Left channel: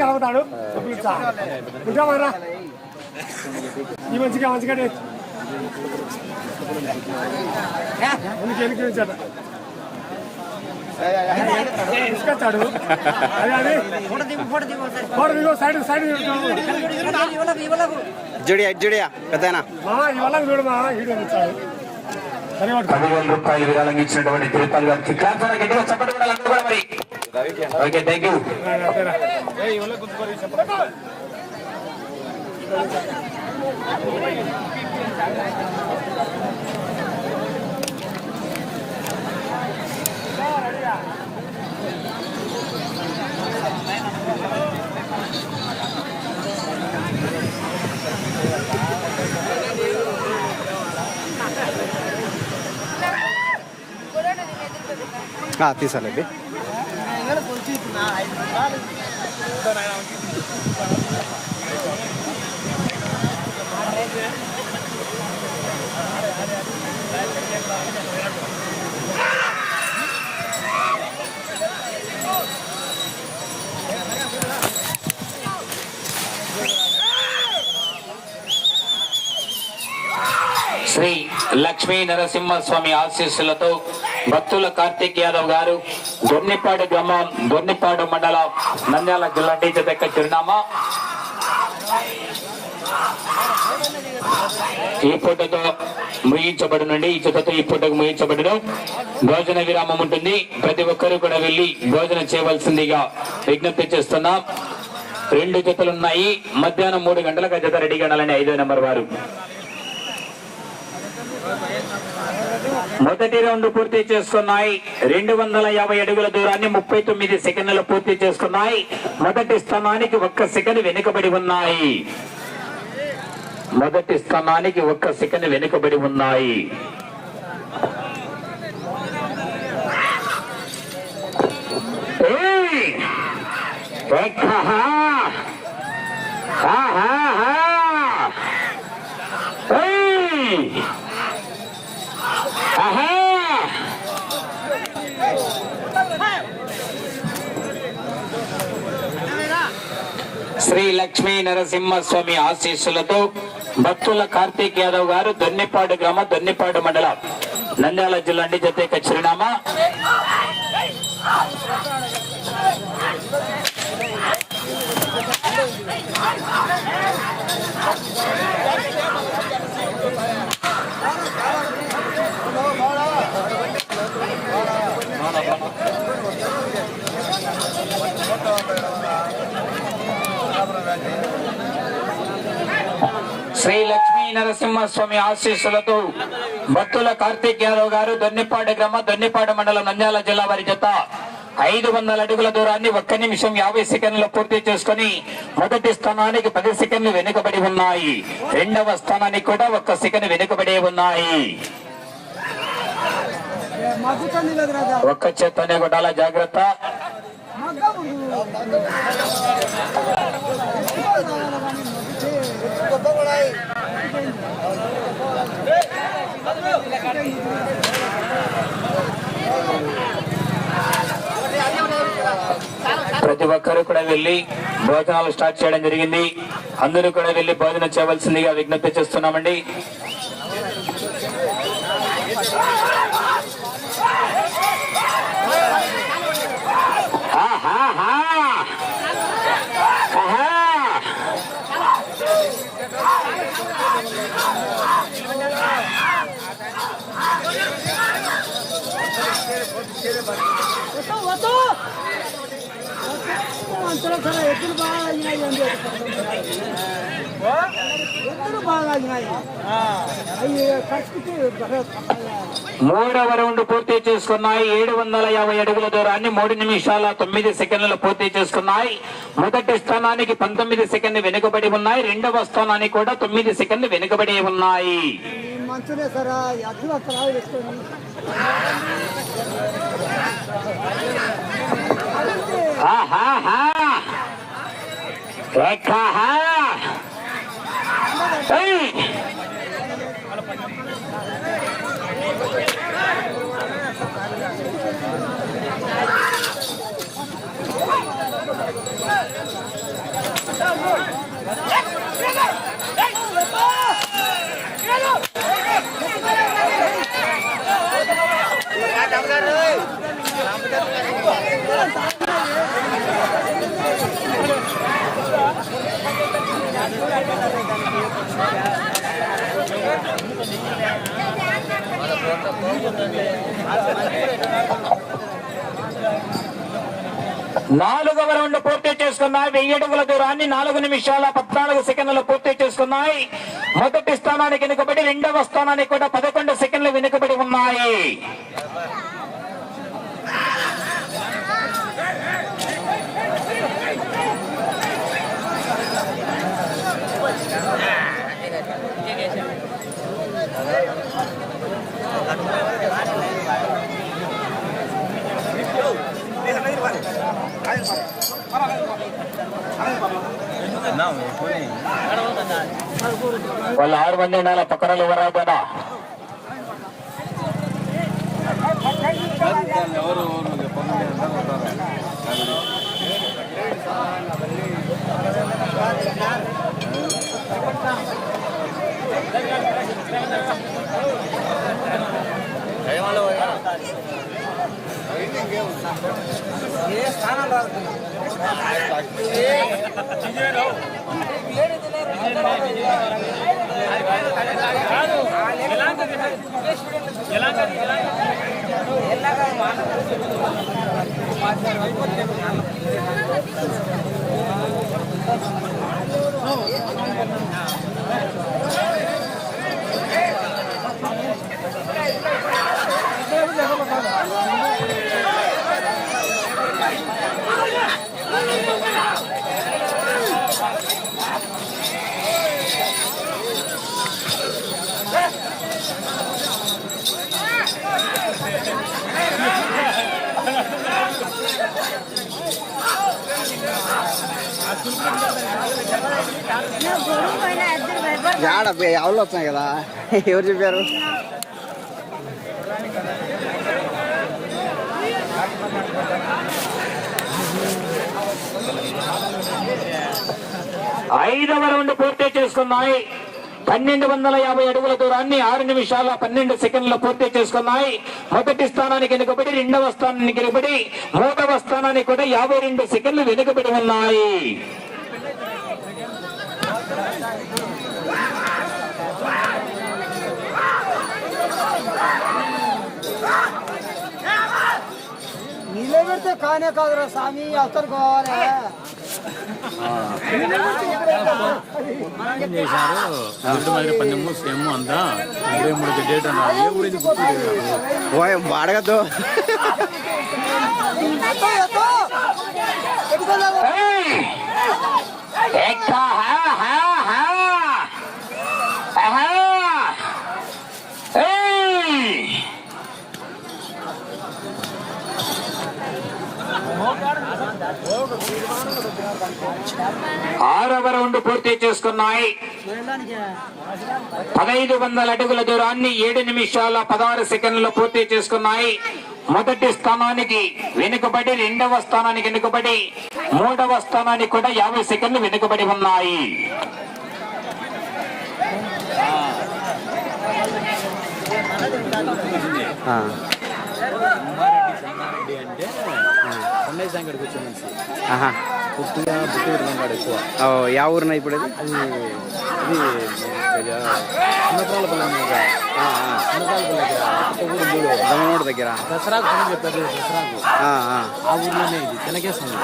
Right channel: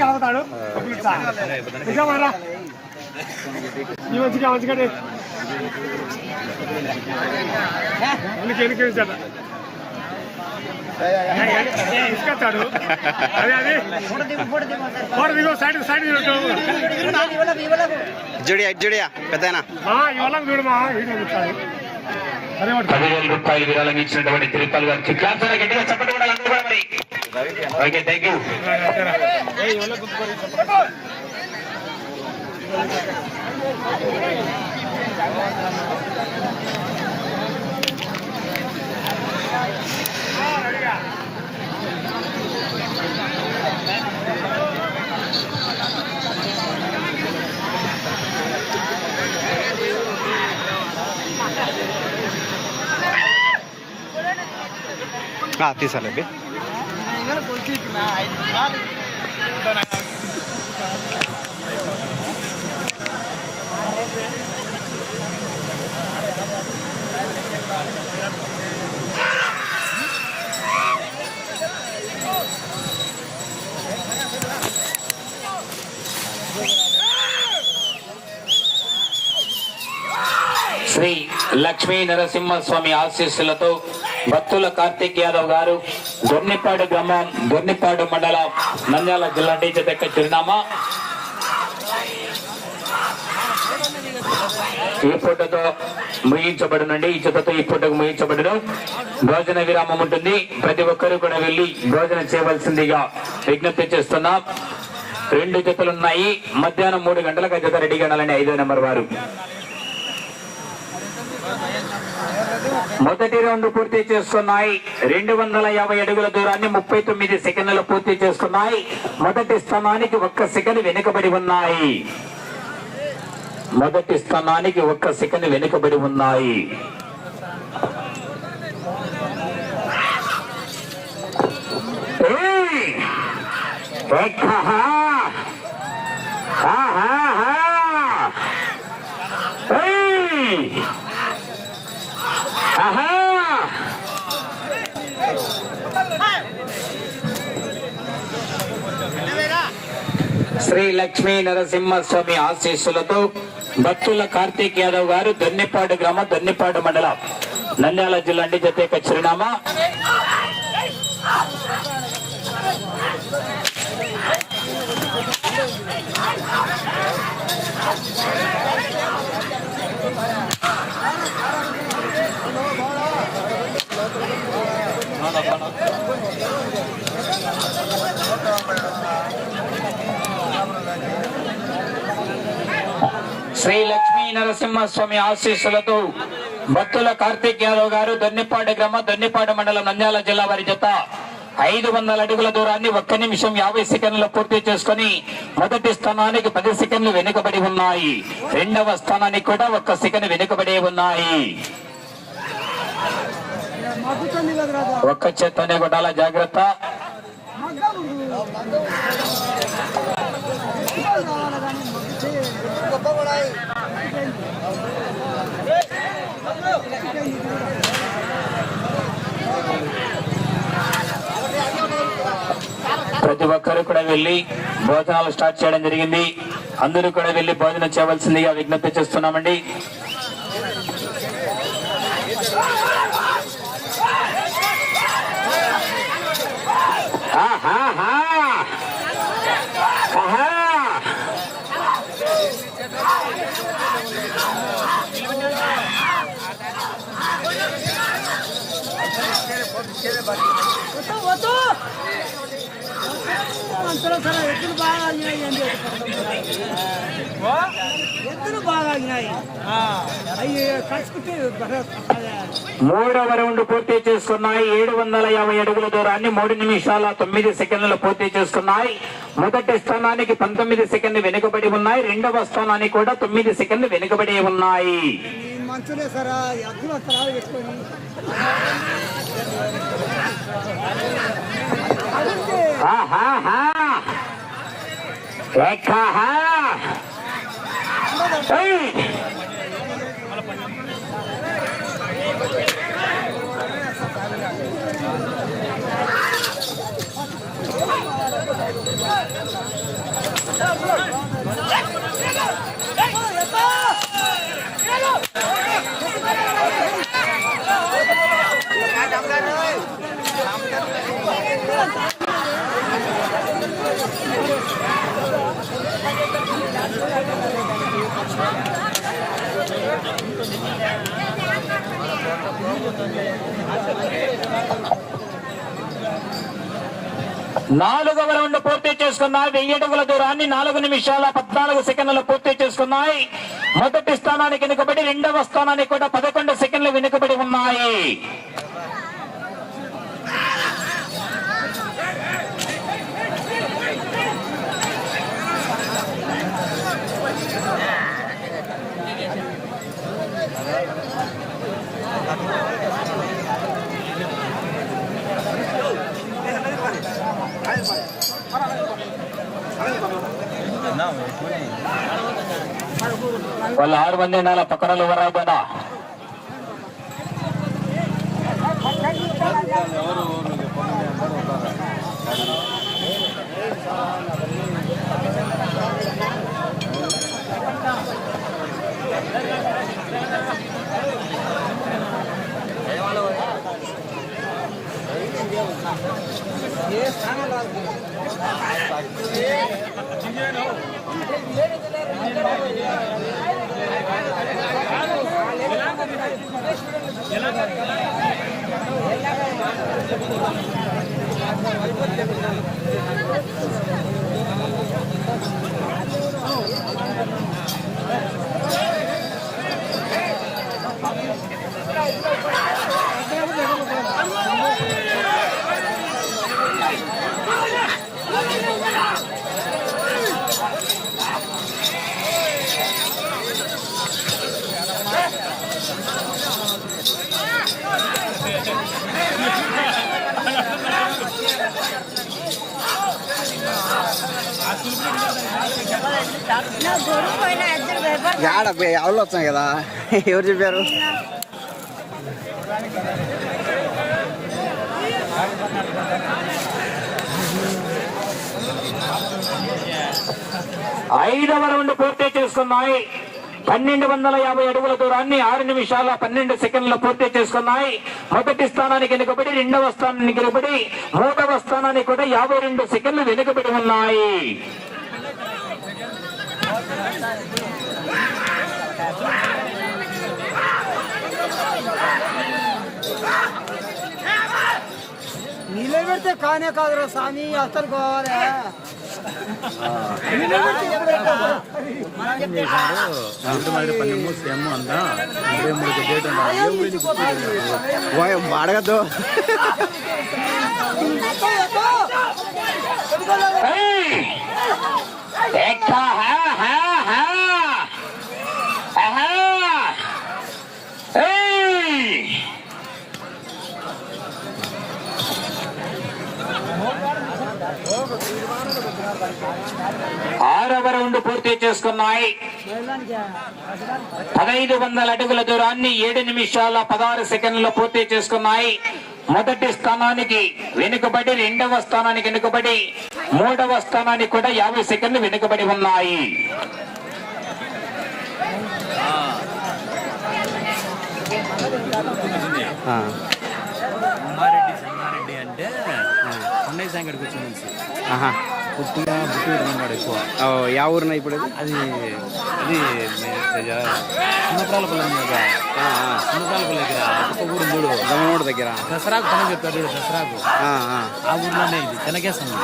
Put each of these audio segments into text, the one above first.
కలుగుతాడు మంచిగా మంచిగా ఎన్నికరించాడు తీసుకొచ్చాడు సైడ్ సైడ్ జుడియా జుడియా పెద్దనా ఇవాళ చూడు మా వీడియో 10,000 రూపాయలు విరాళంగా ఇచ్చినటువంటి తిరుపతి గారు చిక్కాల్సిన గట్టిగా చప్పటి కూడా అందరూ కూడా మరి ఓకే థ్యాంక్ యూ. తీసాలండి శ్రీ లక్ష్మీ నరసింహస్వామి ఆశీస్సులతో భక్తుల కార్తిక్ యాదవ్ గారు దొర్నిపాడు గ్రామం దొర్నిపాడు మండలం నంద్యాల జిల్లా జత చిరునామా ఈ ఫోటోతో ముగించబడునండి. ఈ జతతో ఈ ఫోటోకు ముగించబడడం భోజన విరామం ఉంటుంది. ప్రతి ఒక్కరూ కూడా వెళ్లి భోజనం చేయవలసిందిగా విజ్ఞప్తి చేస్తున్నాం. 2 జతలున్నాయి. మధ్యాహ్నం 3 గంటలకు జత రెడీగా ఉండాలని 5వ నెంబర్ వారు. మొదటి రౌండ్ పూర్తి చేసుకున్నాయి. 250 అడుగుల దూరాన్ని 39 సెకండ్లు పూర్తి చేసుకున్నాయి. మొదటి స్థానానికి 1 సెకండ్ వెనుకబడి ఉన్నాయి. మొదటి స్థానానికి 1 సెకండ్ వెనుకబడి ఉన్నాయి. శ్రీ లక్ష్మీ నరసింహస్వామి ఆశీస్సులతో భక్తుల కార్తిక్ యాదవ్ గారు దొన్నిపాడు గ్రామం దొన్నిపాడు మండలం నంద్యాల జిల్లా జత చిరునామా శ్రీ లక్ష్మీ నరసింహస్వామి ఆశీస్సులతో భక్తుల కార్తిక్ యాదవ్ గారు దొన్నిపాడు గ్రామం దొన్నిపాడు మండలం నంద్యాల జిల్లా వారి జత 500 అడుగుల దూరాన్ని 1 నిమిషం 50 సెకండ్లు పూర్తి చేసుకుని మొదటి స్థానానికి 10 సెకండ్లు వెనుకబడి ఉన్నాయి. 2వ స్థానానికి కూడా 1 సెకండ్ వెనుకబడి ఉన్నాయి. ఒక్క చేత్తోనే కొట్టాల జాగ్రత్త. ప్రతి ఒక్కరూ కూడా వెళ్లి భోజనాలు స్టార్ట్ చేయడం జరిగింది. అందరూ కూడా వెళ్లి భోజనం చేయవలసిందిగా విజ్ఞప్తి చేస్తున్నామండి. మూడవ రౌండ్ పూర్తి చేసుకున్నాయి. 750 అడుగుల దూరాన్ని 3 నిమిషాల 9 సెకండ్లు పూర్తి చేసుకున్నాయి. మొదటి స్థానానికి 19 సెకండ్లు వెనుకబడి ఉన్నాయి. 2వ స్థానానికి కూడా 9 సెకండ్లు వెనుకబడి ఉన్నాయి. నాలుగవ రౌండ్ పూర్తి చేసుకున్నాయి. 1000 అడుగుల దూరాన్ని 4 నిమిషాల 14 సెకండ్లు పూర్తి చేసుకున్నాయి. మొదటి స్థానానికి వెనుకబడి, రెండవ స్థానానికి కూడా 11 సెకండ్లు వెనుకబడి ఉన్నాయి. వాళ్ళు 6 మంది ఉండాల పక్కనలు వరాబోనా. ఎవరు వచ్చాయి కదా, ఎవరు చెప్పారు? ఐదవ రౌండ్ పూర్తి చేసుకున్నాయి. 1250 అడుగుల దూరాన్ని 6 నిమిషాల 12 సెకండ్లు పూర్తి చేసుకున్నాయి. మొదటి స్థానానికి వెనుకబడి, రెండవ స్థానానికి వెనుకబడి, మూడవ స్థానానికి కూడా 52 సెకండ్లు వెనుకబడి ఉన్నాయి. నిలబెడితే కానే కాదురా స్వామి, అసలు కావాలి. అడగద్దు. ఆరవ రౌండ్ పూర్తి చేసుకున్నాయి. 1500 అడుగుల దూరాన్ని 7 నిమిషాల 16 సెకండ్లు పూర్తి చేసుకున్నాయి. మొదటి స్థానానికి వెనుకబడి, రెండవ స్థానానికి వెనుకబడి, మూడవ స్థానానికి కూడా 50 సెకండ్లు వెనుకబడి ఉన్నాయి. యా ఊరున్నా ఇప్పుడు? అది దమ్మనోడు దగ్గర దసరాకు పని చెప్తారు. దసరాకు ఆ ఊర్లోనే ఇది తెనకేస్తుంది.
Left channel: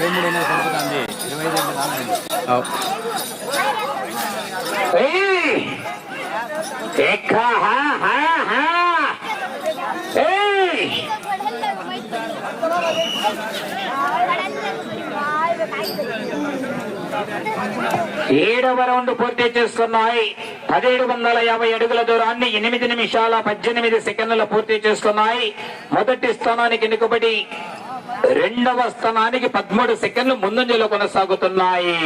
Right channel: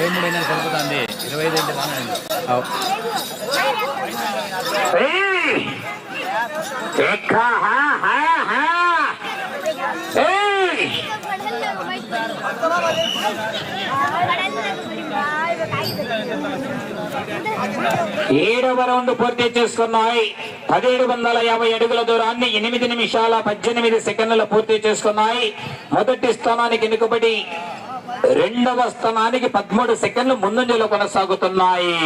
23 సరిపోతుంది, 25 రానండి. ఏడవ రౌండ్ పూర్తి చేసుకున్నాయి. 1750 అడుగుల దూరాన్ని 8 నిమిషాల 18 సెకండ్లు పూర్తి చేసుకున్నాయి. మొదటి స్థానానికి వెనుకబడి, రెండవ స్థానానికి 13 సెకండ్లు ముందంజలో కొనసాగుతున్నాయి.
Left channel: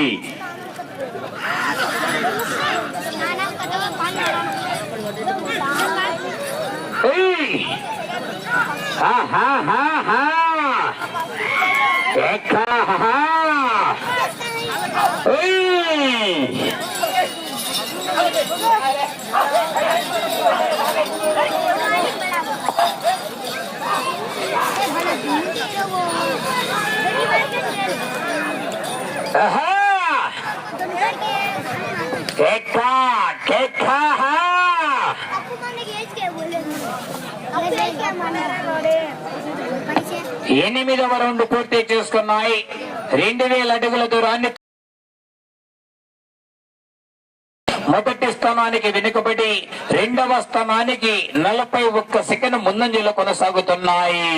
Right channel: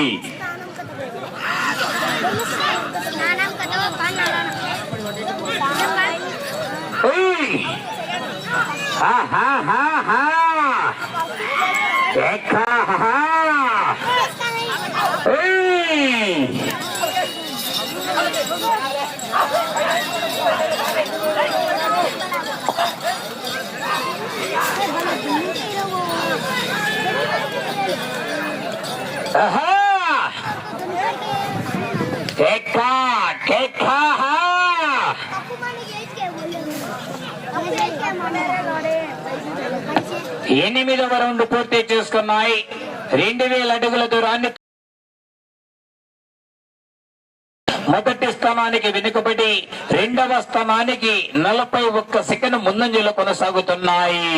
ఎనిమిదవ రౌండ్ పూర్తి చేసుకున్నాయి. 2000 అడుగుల దూరాన్ని మొదటి స్థానానికి వెనుకబడి రెండవ స్థానానికి 41 సెకండ్ ముందంజలో కొనసాగుతున్నాయి.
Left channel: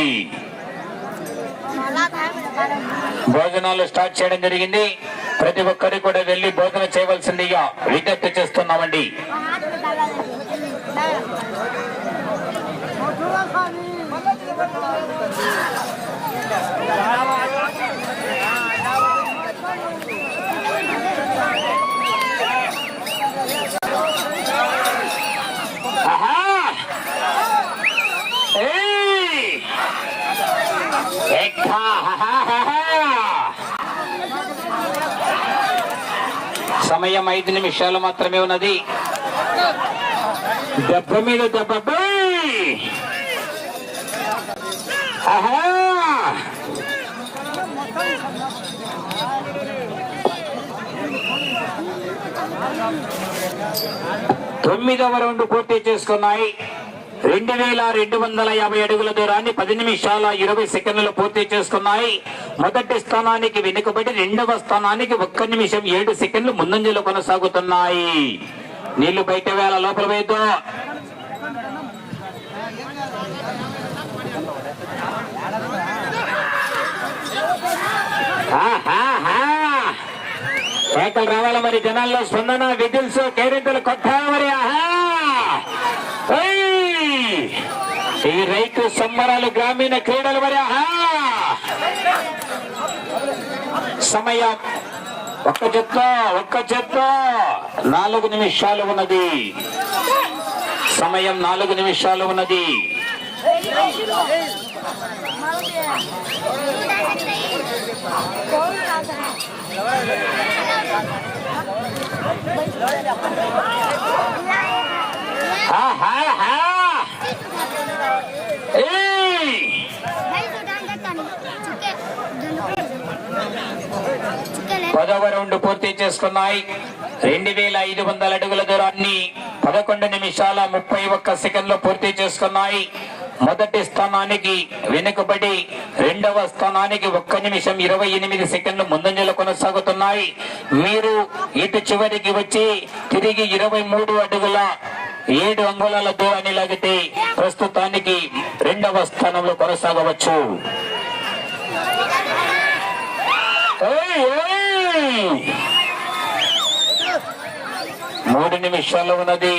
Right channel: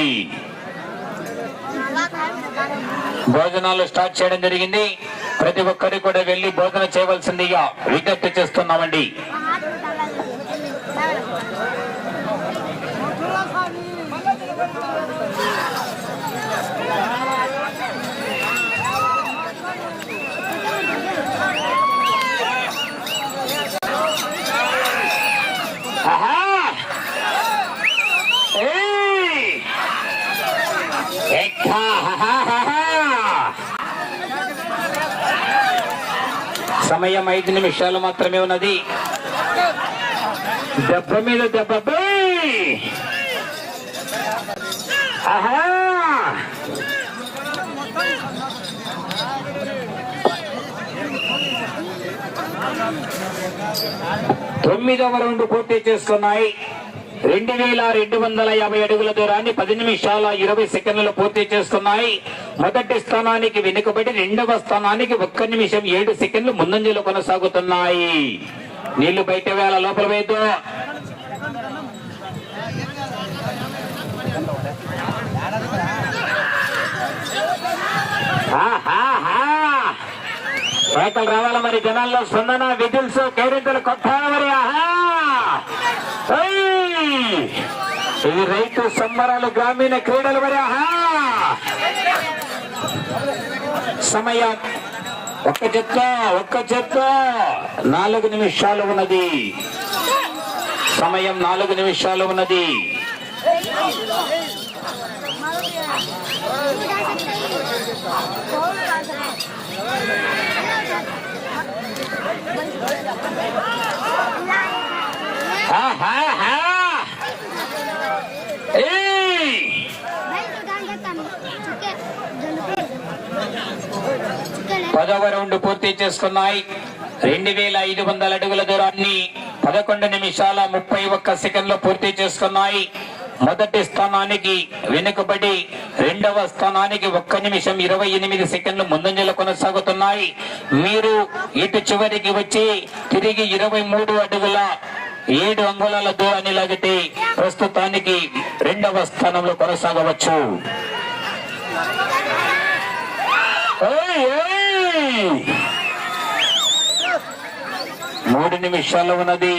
భోజనాలు స్టార్ట్ చేయడం జరిగింది. ప్రతి ఒక్కరు కూడా వెళ్లి భోజన చేయవలసిందిగా విజ్ఞప్తి చేస్తున్నామండి. సమయం 5 నిమిషాలు మాత్రమే ఉన్నది. దెబ్బ మీద దెబ్బ. ఆహా, తొమ్మిదవ రౌండ్ పూర్తి చేసుకున్నాయి. 2250 అడుగుల దూరాన్ని 10 నిమిషాల 20 సెకండ్లు పూర్తి చేసుకున్నాయి. మొదటి స్థానానికి వెనుకబడి రెండవ స్థానానికి 1 నిమిషం 7 సెకండ్లు ముందంజలో కొనసాగుతున్నాయి. నీళ్లు బయట వేళ లోపల వేద్దు. కేకలు రావాల మరి, జనాల్లో స్పందన, విజిల్స్, కేరింతలు కొట్టాలి మరి. ఈ రైతు సంబరాలు గ్రామీణ క్రీడలు మరి. సమయం ఒక్క చెత్త 4 నిమిషాలు ఉన్నది. సమయం 4 నిమిషాలు ఉన్నది. పదవ రౌండ్ పూర్తి చేసుకున్నాయి. 2500 అడుగుల దూరాన్ని 11 నిమిషాల 31 సెకండ్లు పూర్తి చేసుకున్నాయి. మొదటి స్థానానికి వెనుకబడి రెండవ స్థానానికి 1 నిమిషం 28 సెకండ్లు ముందంజలో కొనసాగుతున్నాయి. మీరు ఇటు చివరికి వచ్చి తిరిగి 23 అడుగుల 7 అంగుళాల దూరాన్ని లాగితే ప్రస్తుతానికి రెండవ స్థానంలో కొనసాగవచ్చు. 3 నిమిషాలు ఉన్నది.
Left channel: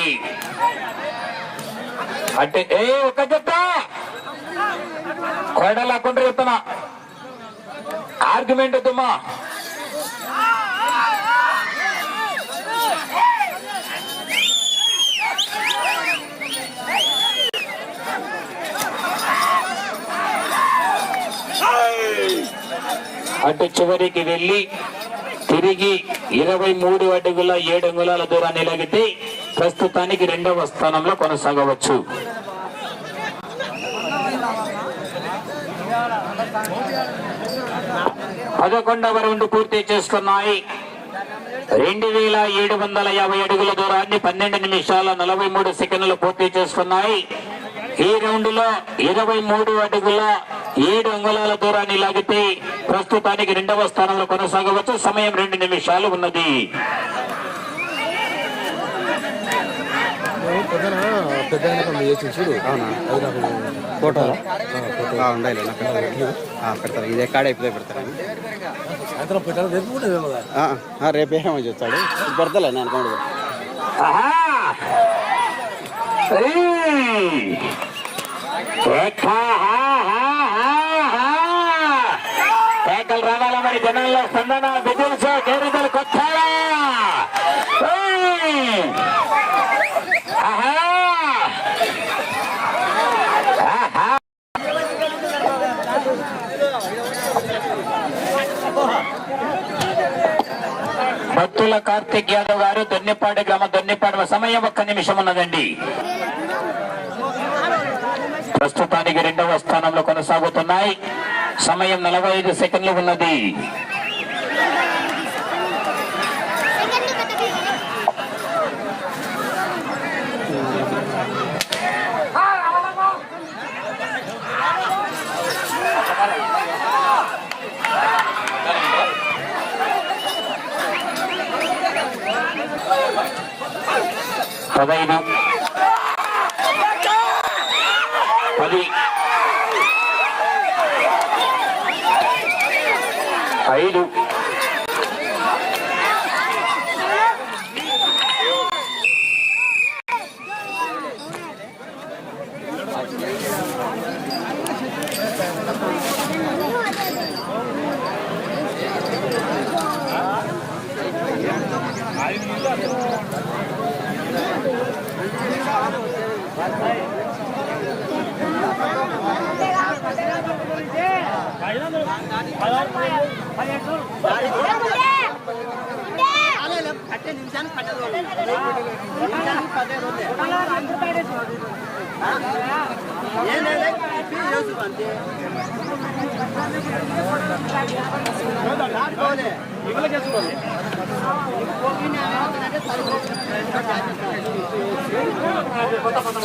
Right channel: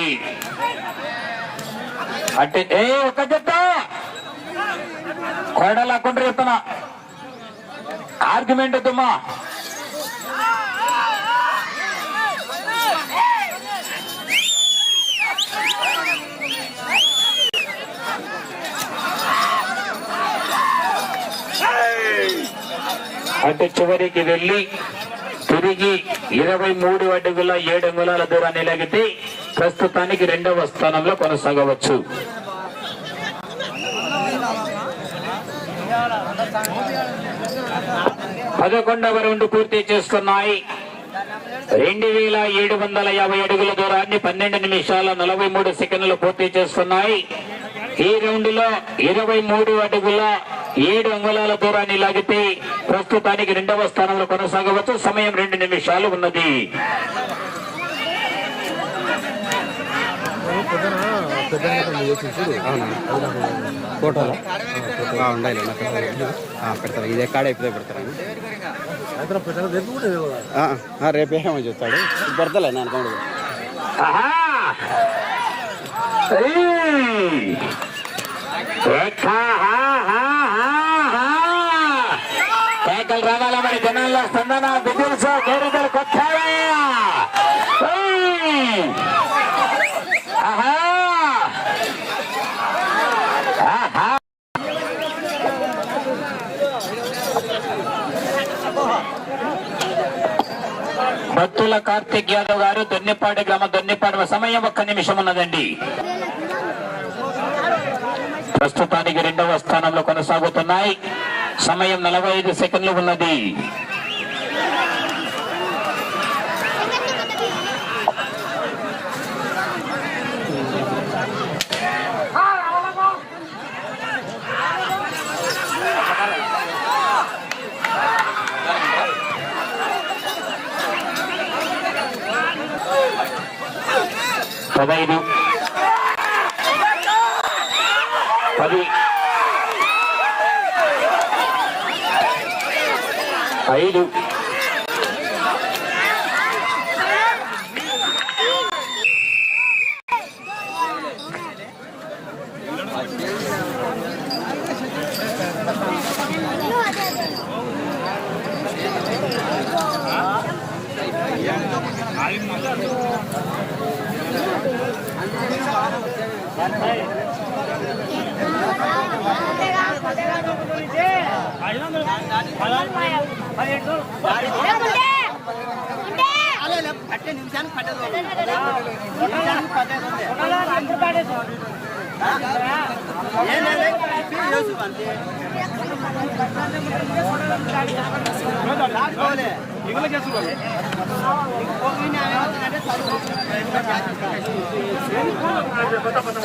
అంటే ఒక జట్ట కొడలాకుండా చెప్తున్నా, ఆర్గ్యుమెంట్ వద్దమ్మా. అటు చివరికి వెళ్లి తిరిగి 23 అడుగుల 7 అంగుళాల దూరాన్ని లాగితే ప్రస్తుతానికి రెండవ స్థానంలో కొనసాగవచ్చు. పదకొండవ రౌండ్ పూర్తి చేసుకున్నాయి. 2750 అడుగుల దూరాన్ని 12 నిమిషాల 43 సెకండ్లు పూర్తి చేసుకున్నాయి. ఈ రౌండ్ లో 23 అడుగుల 7 అంగుళాల దూరాన్ని లాగితే ప్రస్తుతానికి రెండవ స్థానంలో కొనసాగవచ్చు. సమయం 2 నిమిషాలు ఉన్నది. ఫోటోలో ఉండాలి పెడతారు. ఇది ఎక్కడ అయిపోతే పెడతారు. రేపేమో చెప్తాడు, పెడతలే నేను అనుకోండి. కేకలు రావాల మరి, జనాల్లో స్పందన, విజిల్స్, కేరింతలు కొట్టారా. భక్తుల కార్తిక్ యాదవ్ గారు దొన్నిపాడు గ్రామ దొన్నిపాడు సమయం 1 నిమిషం ఉన్నదండి. ప్రస్తుతానికి 2వ స్థానంలో కొనసాగుతున్నాయి. సమయం 45 సెకండ్లు ఉన్నది. పదైదు 10 5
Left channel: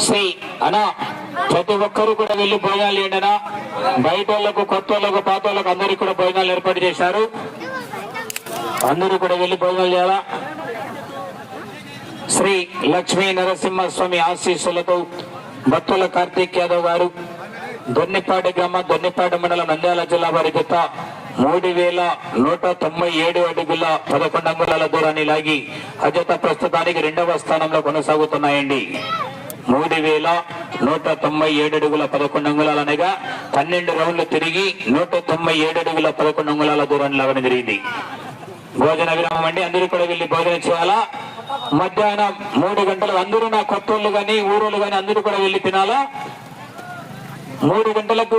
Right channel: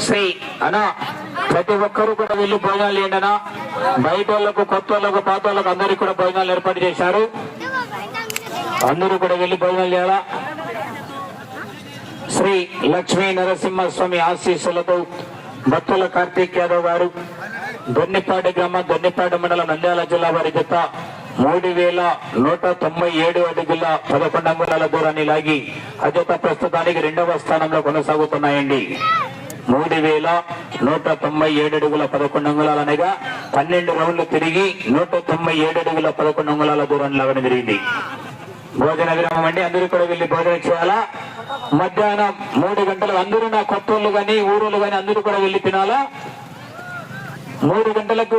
శ్రీ అనా ప్రతి ఒక్కరు కూడా వెళ్ళి భోజనాలు ఏంటనా, బయట వాళ్ళకు కొత్త వాళ్ళకు పాత వాళ్ళకు అందరికి కూడా భోజనాలు ఏర్పాటు చేశారు. అందరూ కూడా వెళ్ళి భోజనాలు చేయాలా. శ్రీ లక్ష్మీ నరసింహస్వామి ఆశీస్సులతో భక్తుల కార్తీక్ యాదవ్ గారు దొన్నిపాడు గ్రామ దొన్నిపాడు మండలం నంద్యాల జిల్లా వారి జత 3197 అడుగుల 11 అంగుళాల దూరాన్ని లాగి అజత ప్రస్తుతానికి 2వ స్థానంలో కొనసాగుతున్నాయండి. 3197 అడుగుల 11 అంగుళాలు అనగా 12 రౌండ్లు తిరిగి 197 అడుగుల 11 అంగుళాల దూరాన్ని లాగడం జరిగింది. భోజన విరామం అండి. అందరూ కూడా వెళ్ళి భోజనం చేయాలా. మధ్యాహ్నం 3 గంటలకు అందరూ నా కొత్తోళ్ళు గాని ఊరోళ్ళు గాని అందరూ కూడా వెళ్ళి తినాలా. 3 గంటలకు